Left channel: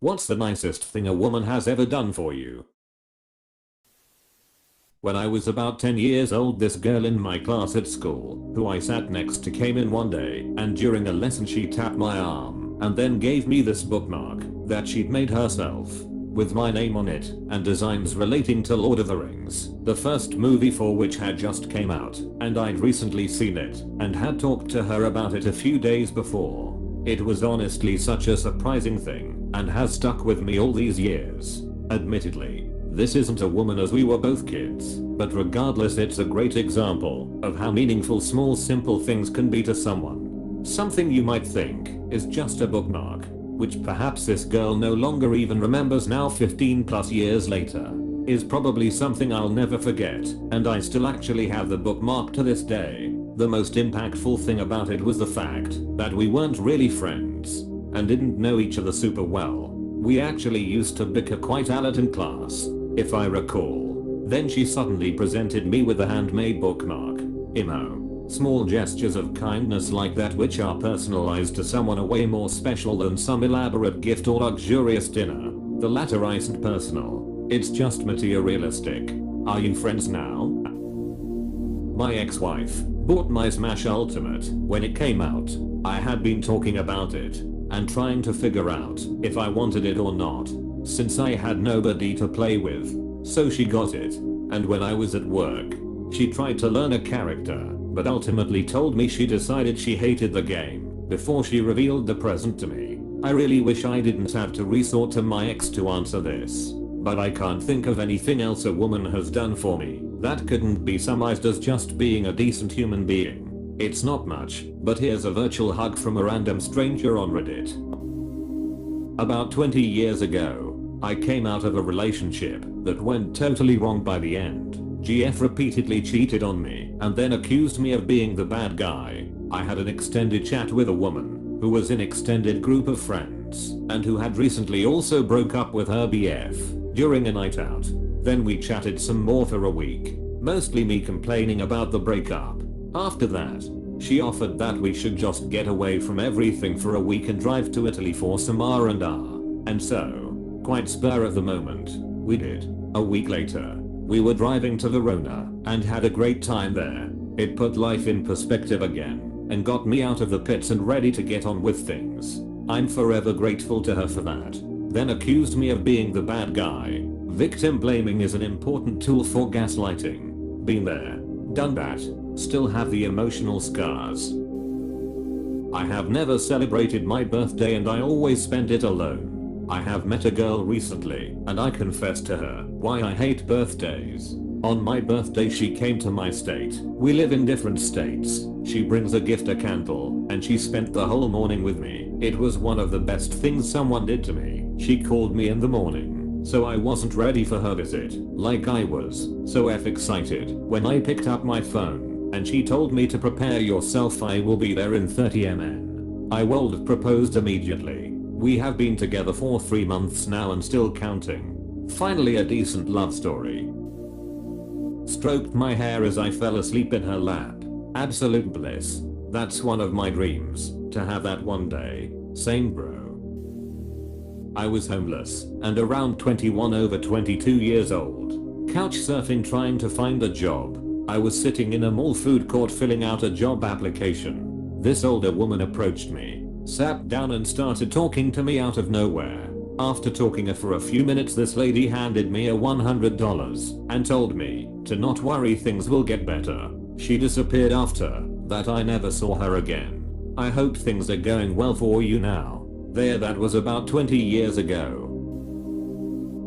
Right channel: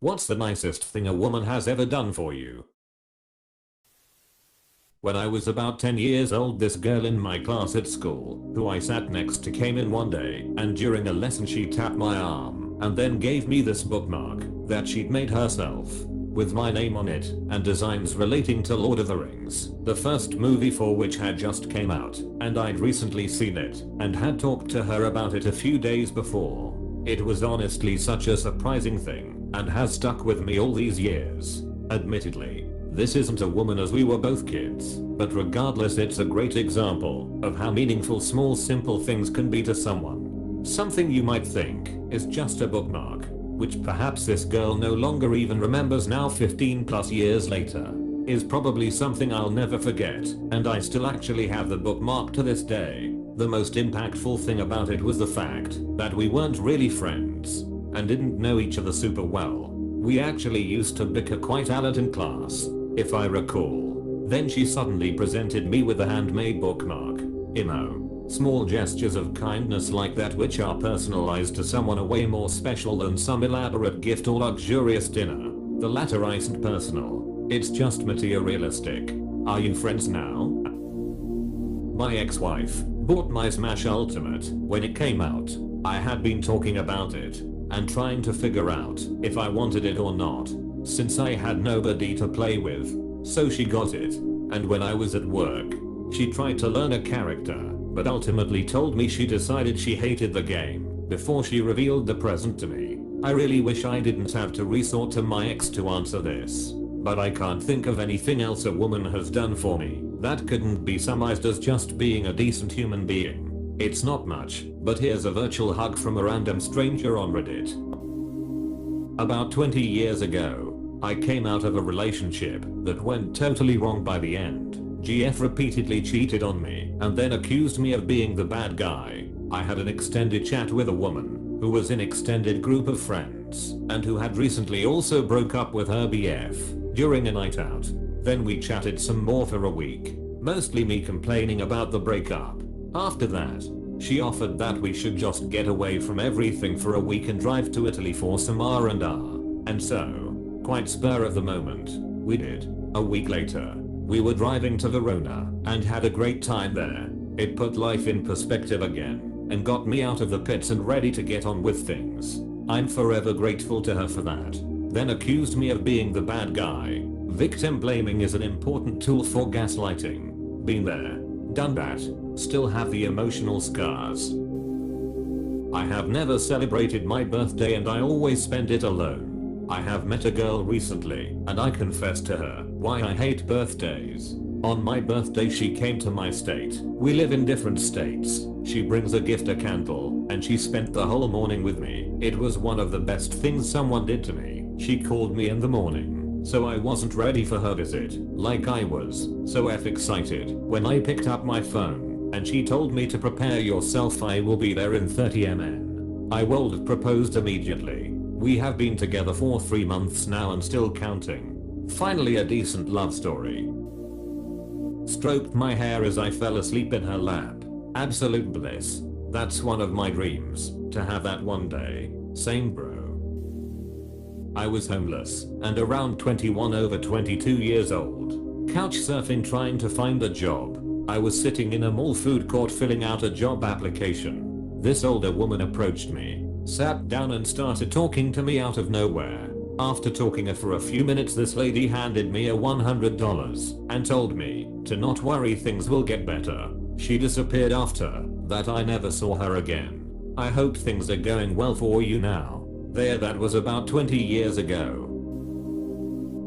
What's the nicest thing a woman has ever done for you? When I was about 10 years old, this girl in my class at school, who I sat next to, came in one day and during a lesson she tapped my arm and then gave me this bookmark that she'd made herself with my name on it and designs relating to Lord of the Rings, the first movie for which had just came out, and I'd recently seen it and had talked to her about it a few days before. It was honestly such a surprising thing and has stuck with me all these years. Admittedly, this isn't a woman as we were both kids, but regardless, it's a great example of how meaningful small simple things can be to someone. Something you might think is just a bookmark, which perhaps this girl no longer even remembers now 15 plus years later, is probably something I'll never forget, and I still actually have the bookmark to this day. The most impactful thing about it was the fact that we weren't really friends and didn't know each other super well. We actually used to bicker quite a lot in class, if I recall. Then she suddenly presented me with a handmade bookmark. Small gestures of kindness like that, which are personalized to someone, are way more special than some elaborate gift or luxurious dinner. The latter isn't personal, it's just materialistic. Are you friends now? My ex-wife bought my Smash Ultimate when it came out. I had been talking about it and trying to figure out if I wanted it or not, since I had nobody to play with. So she got it, and when I was at work, she tried to learn a character, but ultimately told me she decided she hated the game before she revealed the present to me. I really wish I didn't have to resort to my ex to answer this, but I can't think of anything else a woman has done for me that couldn't be summarized as just being a decent human being. It's not much, but here's a virtual hug from a random stranger on Reddit. About 20 years ago, I came out of a relationship that went totally wrong by the end. GF repeatedly cheated on me and then accused me of being the bad guy. I had an extended chat with a woman who was in extended group of friends and who had recently also broke up with her BF during a night out. Then we chatted some more for a week, mostly me complaining about the breakup. After that, she offered that we should just get away from everything for a week and drive to Italy for some R&R. And so, quite spur of the moment, we did. A week later, we were driving to Verona and had a great time there. It put life in perspective again and got me out of the pits and ready to get on with things. I'm forever grateful to her for that. Then accused me of being the bad guy. Victim blaming is an important tool for gaslighting. Been there, done that, still have the emotional scars. I have never celebrated my birthday and I always spend it alone. I have met a girl recently and I confessed to her why I hate birthdays. On my birthday she came to my state. We live in different states. She brings a gift, a candle, and she spent the whole morning with me. It was one of the best things someone did to me. She called me in the morning, so I wasn't ready for her visit, like I was so excited when I picked up my phone and she told me to prepare yourself, I will be there in 30 min. I would proposed immediately. We have been together for 3 months now and still counting. Finally a decent love story. Stroked my hair as I fell asleep in her lap. Absolute bliss. That's one of my dreams, to have that one day. Same bro. I was homeless and around 21 over 22 years old. Couch surfing trying to find a job. I was sitting in a mall food court filling out a job application. This older woman approached me, sat down and started talking to me out of nowhere. After talking for a few minutes, this lady handed me a $100 and told me to not worry, things will get better. She disappeared after that. I never saw her again. I hope things are going well for you now. That was about 20 years ago.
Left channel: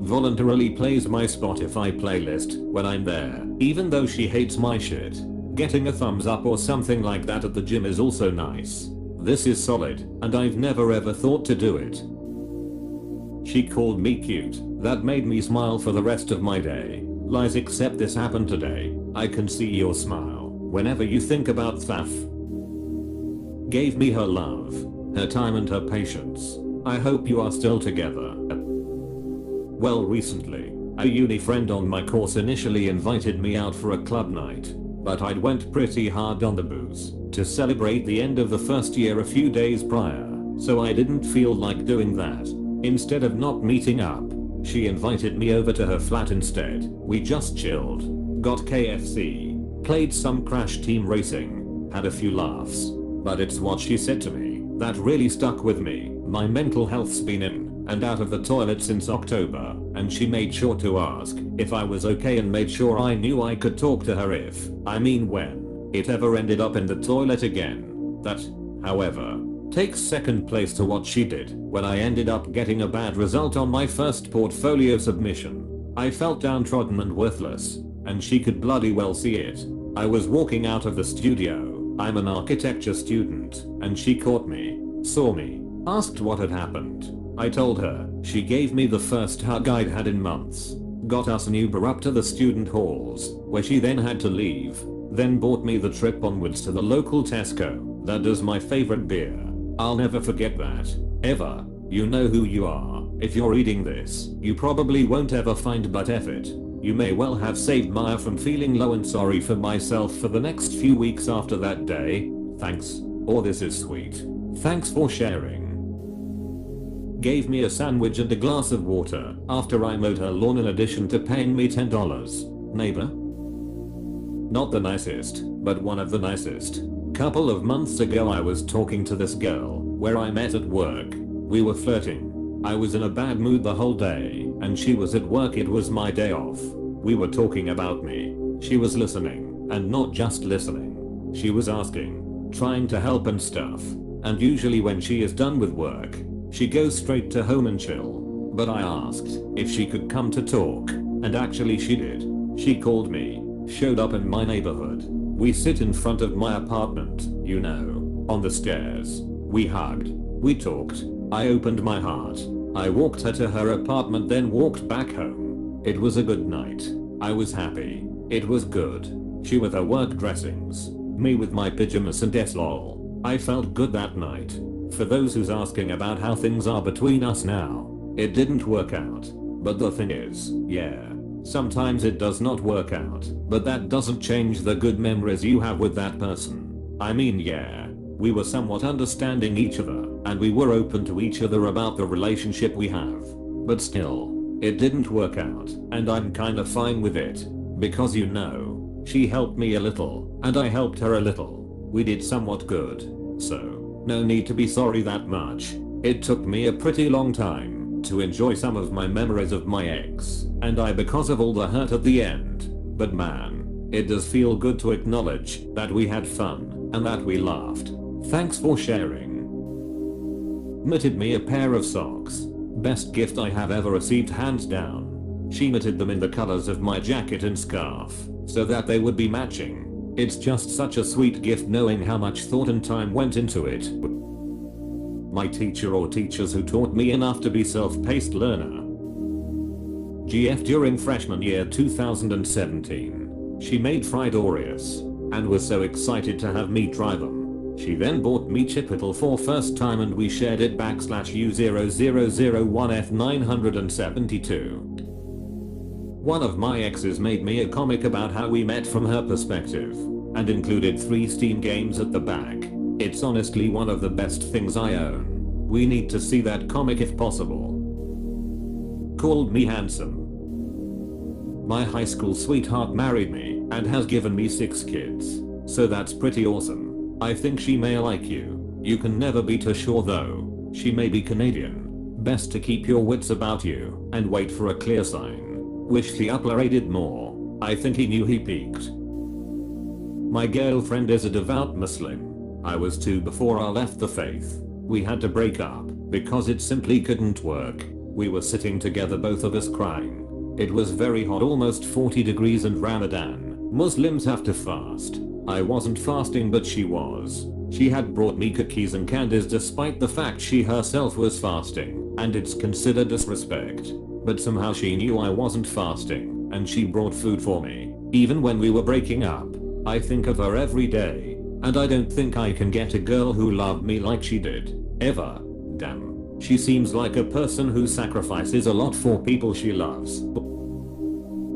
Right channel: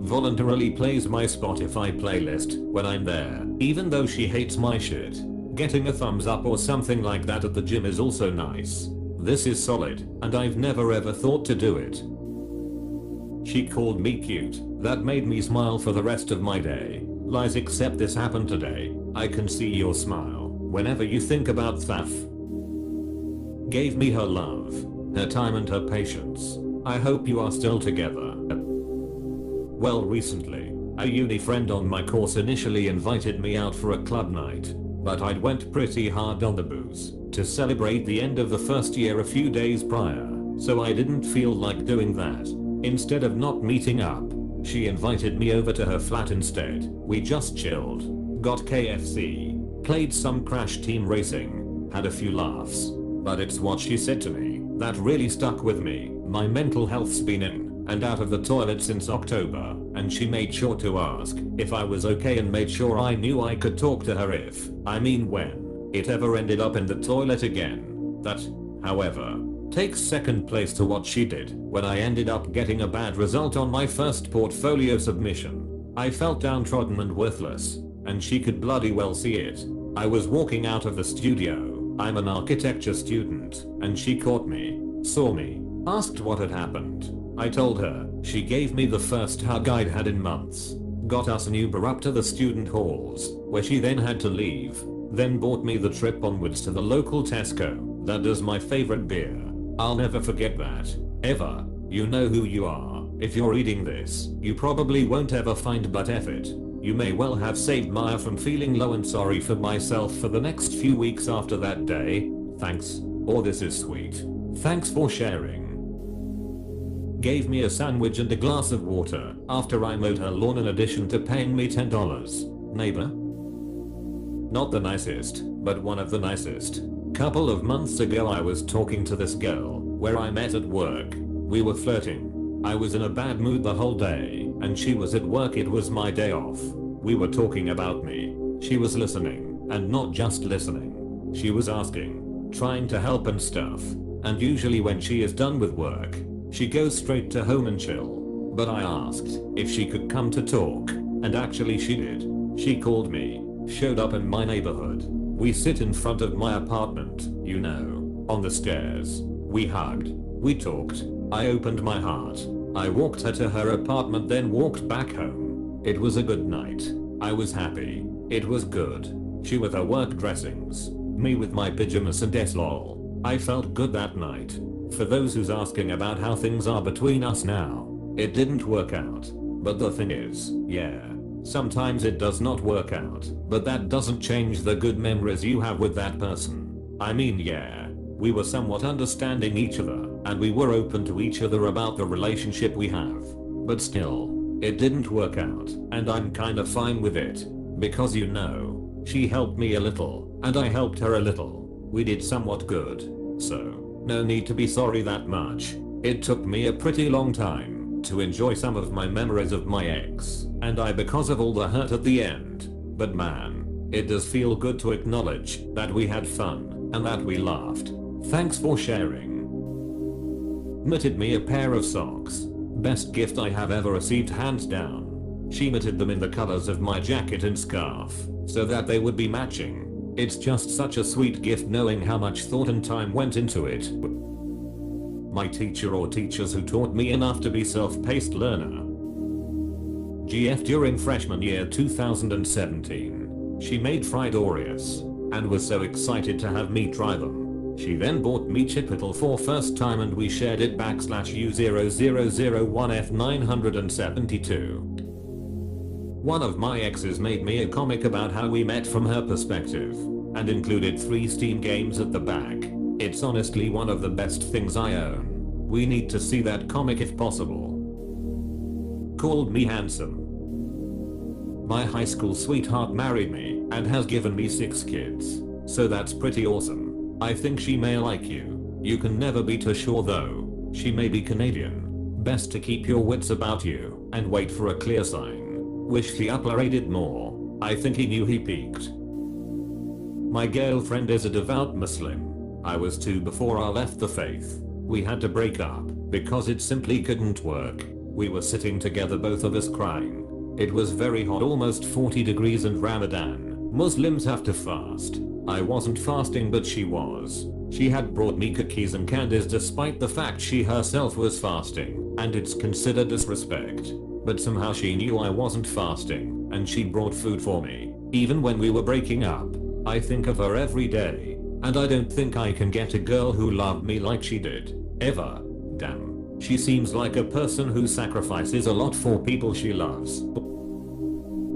Voluntarily plays my Spotify playlist when I'm there, even though she hates my shit. Getting a thumbs up or something like that at the gym is also nice. This is solid, and I've never ever thought to do it. She called me cute. That made me smile for the rest of my day. Lies, except this happened today. I can see your smile whenever you think about Thaf. Gave me her love, her time and her patience. I hope you are still together. Well, recently, a uni friend on my course initially invited me out for a club night, but I'd went pretty hard on the booze to celebrate the end of the first year a few days prior, so I didn't feel like doing that. Instead of not meeting up, she invited me over to her flat instead. We just chilled, got KFC, played some Crash Team Racing, had a few laughs. But it's what she said to me that really stuck with me. My mental health's been in and out of the toilet since October, and she made sure to ask if I was okay and made sure I knew I could talk to her when it ever ended up in the toilet again. That, however, takes second place to what she did when I ended up getting a bad result on my first portfolio submission. I felt downtrodden and worthless, and she could bloody well see it. I was walking out of the studio, I'm an architecture student, and she caught me, saw me, asked what had happened. I told her, she gave me the first hug I'd had in months, got us an Uber up to the student halls, where she then had to leave, then bought me the trip onwards to the local Tesco that does my favorite beer. I'll never forget that, ever. You know who you are. If you're reading this, you probably won't ever find, but F it. You may well have saved Maya from feeling low and sorry for myself for the next few weeks after that day. Thanks. Or this is sweet. Thanks for sharing. Gave me a sandwich and a glass of water after I mowed her lawn in addition to paying me $10. Neighbor? Not the nicest, but one of the nicest. Couple of months ago I was talking to this girl where I met at work. We were flirting. I was in a bad mood the whole day, and she was at work. It was my day off. We were talking about me. She was listening, and not just listening. She was asking, trying to help and stuff. And usually when she is done with work, she goes straight to home and chill. But I asked if she could come to talk, and actually she did. She called me, showed up in my neighborhood. We sit in front of my apartment, you know, on the stairs. We hugged. We talked. I opened my heart. I walked her to her apartment, then walked back home. It was a good night. I was happy. It was good. She with her work dressings. Me with my pajamas and lol. I felt good that night. For those who's asking about how things are between us now, it didn't work out. But the thing is, yeah, sometimes it does not work out, but that doesn't change the good memories you have with that person. I mean, yeah. We were somewhat understanding each other, and we were open to each other about the relationship we have. But still, it didn't work out, and I'm kinda fine with it. Because you know, she helped me a little, and I helped her a little. We did somewhat good. So, no need to be sorry that much. It took me a pretty long time to enjoy some of my memories of my ex, and I because of all the hurt at the end. But man, it does feel good to acknowledge that we had fun, and that we laughed. Thanks for sharing. Knitted me a pair of socks. Best gift I have ever received, hands down. She knitted them in the colors of my jacket and scarf, so that they would be matching. It's just such a sweet gift knowing how much thought and time went into it. My teacher or teachers who taught me enough to be self-paced learner. GF during freshman year 2017. She made fried Oreos, and was so excited to have me try them. She then bought me Chipotle for first time and we shared it U0001F972. One of my exes made me a comic about how we met from her perspective, and included 3 Steam games at the back. It's honestly one of the best things I own. We need to see that comic if possible. Called me handsome. My high school sweetheart married me and has given me 6 kids. So that's pretty awesome. I think she may like you. You can never be too sure though. She may be Canadian. Best to keep your wits about you and wait for a clear sign. Wish she uploaded more. I think he knew he peaked. My girlfriend is a devout Muslim. I was too before I left the faith. We had to break up because it simply couldn't work. We were sitting together, both of us crying. It was very hot, almost 40 degrees, and Ramadan. Muslims have to fast. I wasn't fasting, but she was. She had brought me cookies and candies despite the fact she herself was fasting, and it's considered disrespect. But somehow she knew I wasn't fasting, and she brought food for me, even when we were breaking up. I think of her every day, and I don't think I can get a girl who loved me like she did, ever. Damn. She seems like a person who sacrifices a lot for people she loves.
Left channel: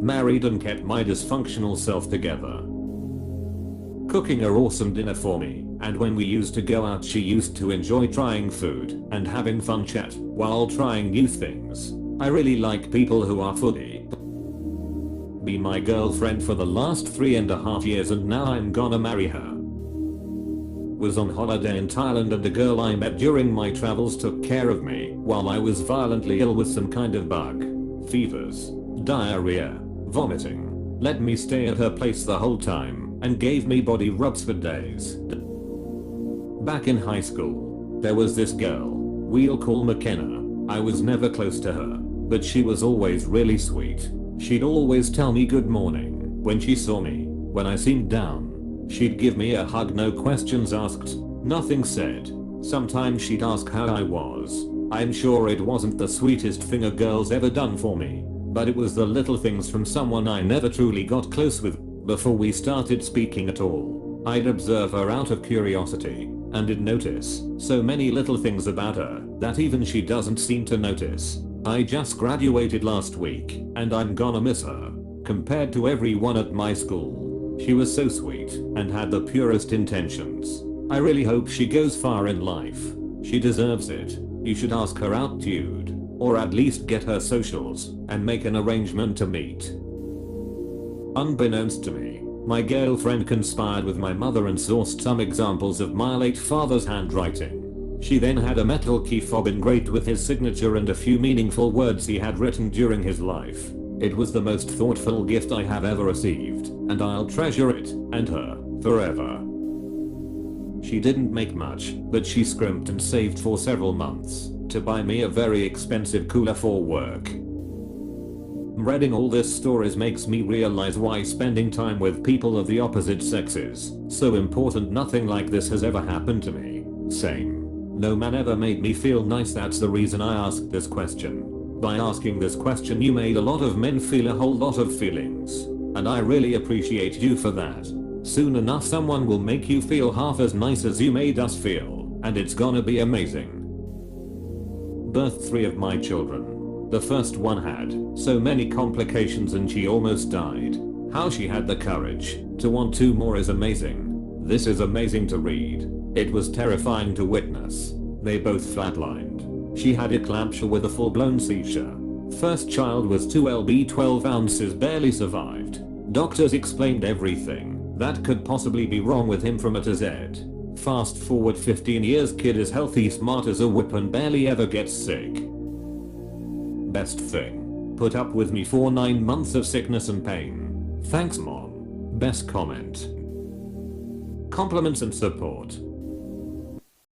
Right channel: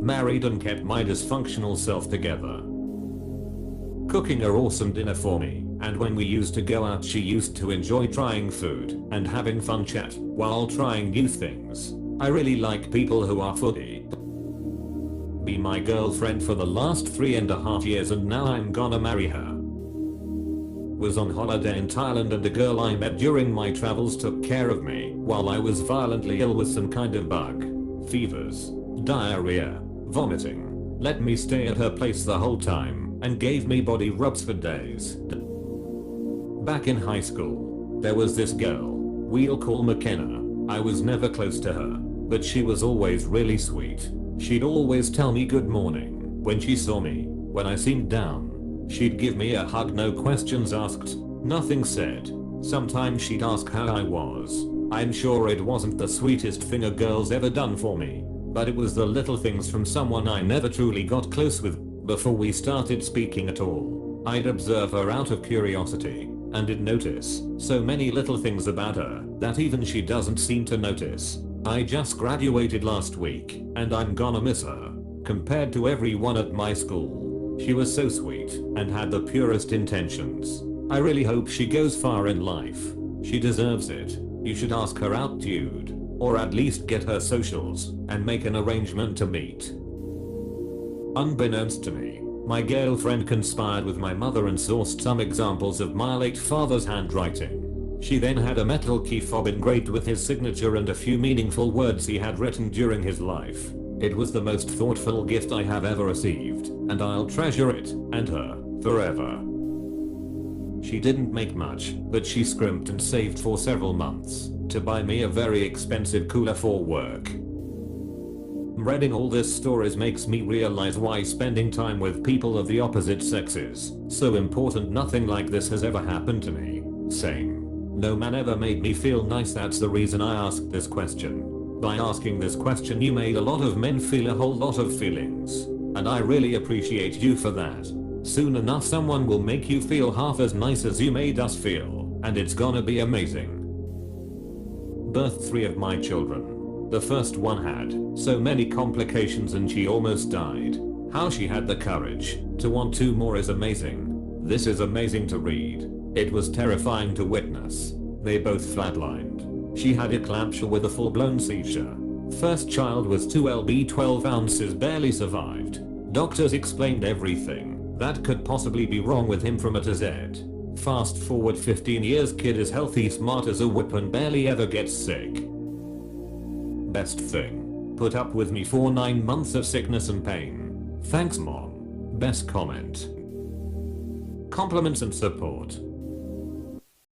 Married and kept my dysfunctional self together. cooking a awesome dinner for me, and when we used to go out she used to enjoy trying food and having fun chat while trying new things. I really like people who are foodie. Be my girlfriend for the last 3.5 years and now I'm gonna marry her. Was on holiday in Thailand and a girl I met during my travels took care of me while I was violently ill with some kind of bug. Fevers, diarrhea, vomiting. Let me stay at her place the whole time and gave me body rubs for days. Back in high school, there was this girl, we'll call McKenna. I was never close to her, but she was always really sweet. She'd always tell me good morning when she saw me. When I seemed down, she'd give me a hug, no questions asked, nothing said. Sometimes she'd ask how I was. I'm sure it wasn't the sweetest thing a girl's ever done for me, but it was the little things from someone I never truly got close with. Before we started speaking at all, I'd observe her out of curiosity, and did notice so many little things about her that even she doesn't seem to notice. I just graduated last week, and I'm gonna miss her. Compared to everyone at my school, she was so sweet and had the purest intentions. I really hope she goes far in life. She deserves it. You should ask her out, dude. Or at least get her socials and make an arrangement to meet. Unbeknownst to me, my girlfriend conspired with my mother and sourced some examples of my late father's handwriting. She then had a metal key fob engraved with his signature and a few meaningful words he had written during his life. It was the most thoughtful gift I have ever received, and I'll treasure it and her forever. She didn't make much, but she scrimped and saved for several months to buy me a very expensive cooler for work. Reading all this stories makes me realize why spending time with people of the opposite sex is so important. Nothing like this has ever happened to me. Same. No man ever made me feel nice. That's the reason I asked this question. By asking this question you made a lot of men feel a whole lot of feelings, and I really appreciate you for that. Soon enough someone will make you feel half as nice as you made us feel, and it's gonna be amazing. Birthed 3 of my children. The first one had so many complications and she almost died. How she had the courage to want 2 more is amazing. This is amazing to read. It was terrifying to witness. They both flatlined. She had eclampsia with a full-blown seizure. First child was 2 lb 12 ounces, barely survived. Doctors explained everything that could possibly be wrong with him from A to Z. Fast forward 15 years, kid is healthy, smart as a whip and barely ever gets sick. Best thing. Put up with me for 9 months of sickness and pain. Thanks mom. Best comment. Compliments and support.